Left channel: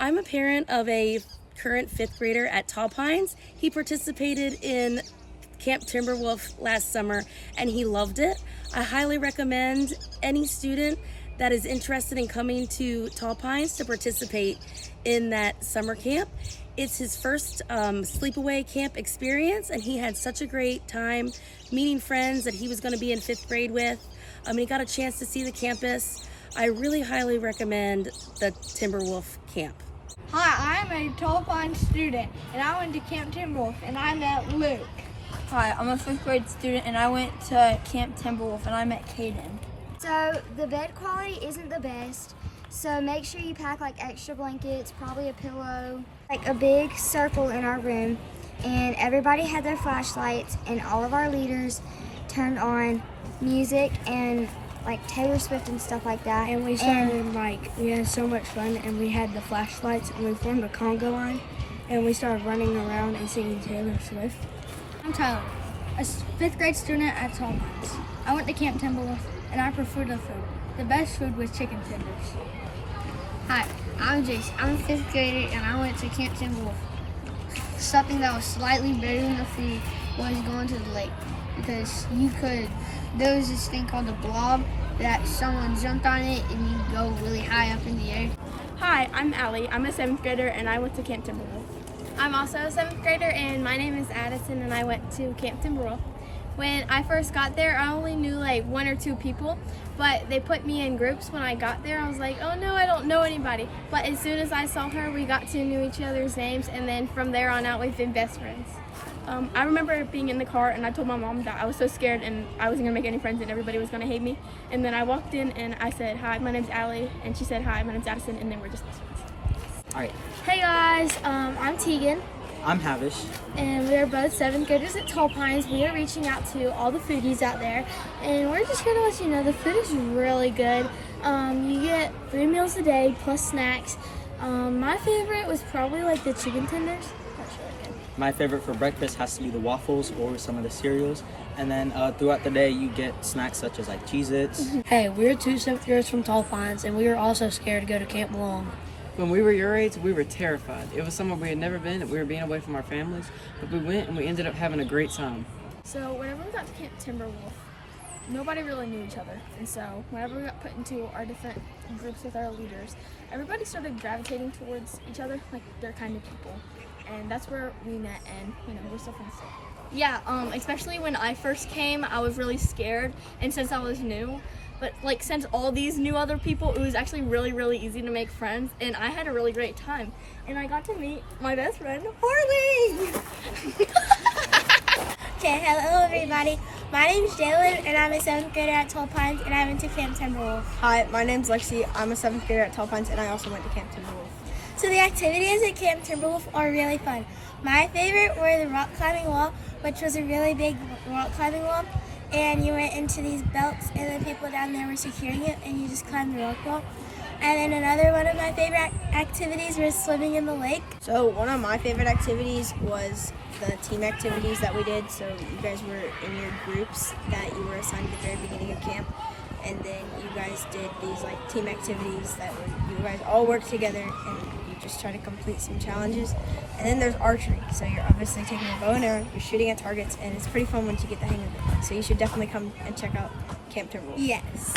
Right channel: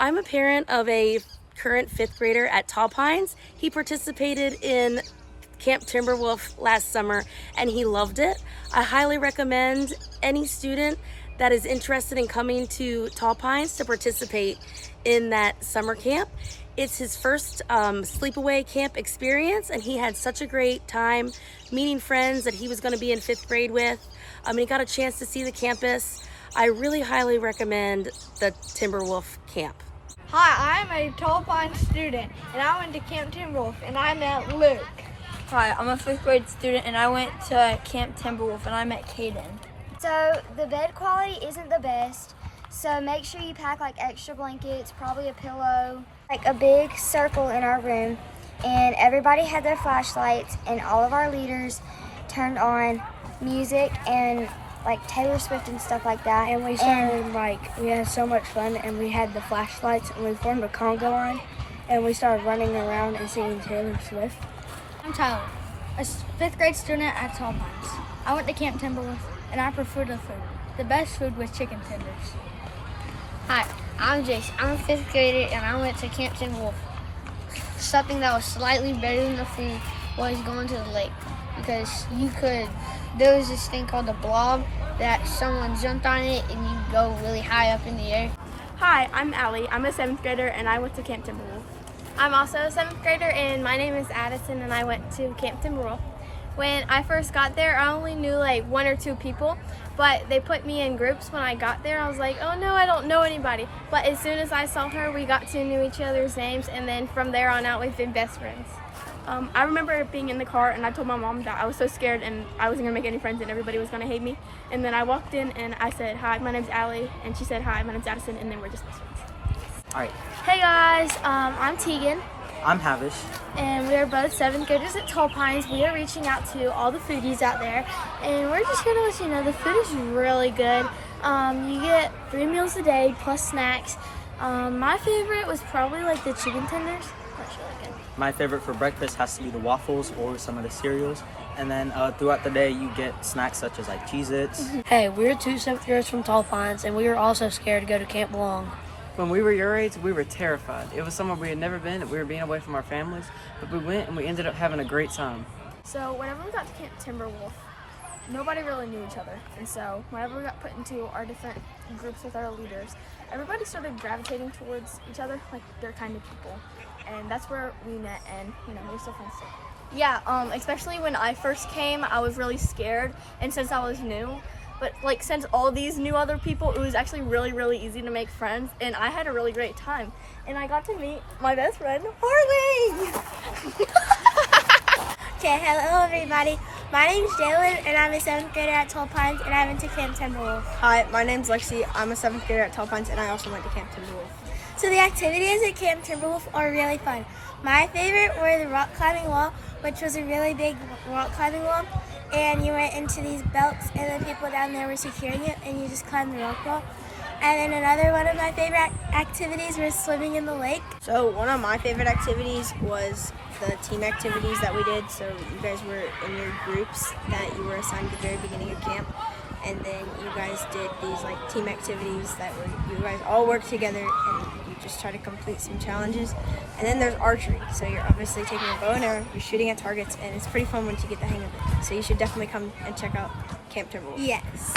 I'm a parent of a current 5th grader at Tall Pines. He participated in Camp Timberwolf last summer and he loved it. I highly recommend any student that is interested in coming to Tall Pines to participate in that summer camp. It's his first sleepaway camp experience and he had such a great time meeting friends that he was going to be in 5th grade with. He got a chance to see the campus. I really highly recommend the Timberwolf camp. Hi, I'm a Tall Pines student, and I went to Camp Timberwolf, and I met Luke. Hi, I'm a 5th grade student, and I went to Camp Timberwolf, and I met Caden. So the bed quality isn't the best, so make sure you pack like extra blankets, probably a pillow, like a big circle in our room, and everybody had their flashlights, and all of our leaders turned on music and like Taylor Swift and stuff like that. And we started we had so much fun, and we had the flashlights, and we formed a conga line, and we started running around and singing Taylor Swift. I'm Tyler, a 5th grade student at Tall Pines. I went to Camp Timberwolf, and I prefer the food. The best food was chicken tenders. Hi, I'm Jace. I'm a 5th grader, and I went to Camp Timberwolf. Something that was slightly better than the food was going to the lake, because there was this thing called the blob that someone jumped on it and you go really high up in the air. Hi, I'm Allie. I'm a 7th grader and I went to Camp Timberwolf. I'm also a 7th grader and my name is Addison and I went to Camp Timberwolf. When I first got there, I only knew like 1 or 2 people, but they put me in groups when I got there. I was like, oh no, I don't know anybody. But as soon as I saw her, we got to know each other's names, and then from there on out, we've been best friends. I remember being in the car and I told my mom that I was so scared and I wasn't gonna make any friends and everybody was gonna hate me. And then I walked in and I said, hi, my name's Allie. And she said, hi, my name's Addison. And then we're just best friends. All right. Hey guys, I'm Tegan, I'm Havish. and we are both 7th graders at Tall Pines. We are reaching out to all the foodies out there, and we're just gonna let you know the food is really good. You get 3 meals a day plus snacks. My favorite was probably like the chicken tenders. That's really good. My favorite for breakfast has to be the waffles or some of the cereals. And then throughout the day, you get snacks such as like Cheez-Its. Hey, we're 2 7th graders from Tall Pines, and we were also scared to go to Camp Long. When we were your age, we were terrified. It was somewhere we had never been. We were being away from our families, but we went and we ended up having a great time. So whenever we got to Camp Timberwolf, nobody really knew each other. And so whenever we got put into our different groups with our leaders, everybody started gravitating towards each other, like their kind of people. And that's where we met, and we're still friends still. Yeah, especially when I first came, I was really scared, and since I was new, but like since all these new other people, it was actually really, really easy to make friends, and I had a really great time. And I got to meet my best friend, Harley! Okay, hello everybody. My name's Jalen and I'm a 7th grader at Tall Pines and I went to Camp Timberwolf. Hi, my name's Lexi. I'm a 7th grader at Tall Pines, and I also went to Camp Timberwolf. So the activities at Camp Timberwolf are really fun. My favorite were the rock climbing wall, which was a really big rock climbing wall. And you went into these belts and the people down there were securing it and you just climbed the rock wall. And then another one of my favorite activities was swimming in the lake. So one of my favorite activities was the team activities that we did. So you guys were in your groups that you were assigned at the very beginning of camp. And then you guys did these like team activities that were, you guys all worked together and you just try to complete some challenges. And then there's archery. So you're obviously taking a bow and arrow, you're shooting at targets, and it's pretty fun once you get the hang of it. So you should definitely come and check out Camp Timberwolf. Yes.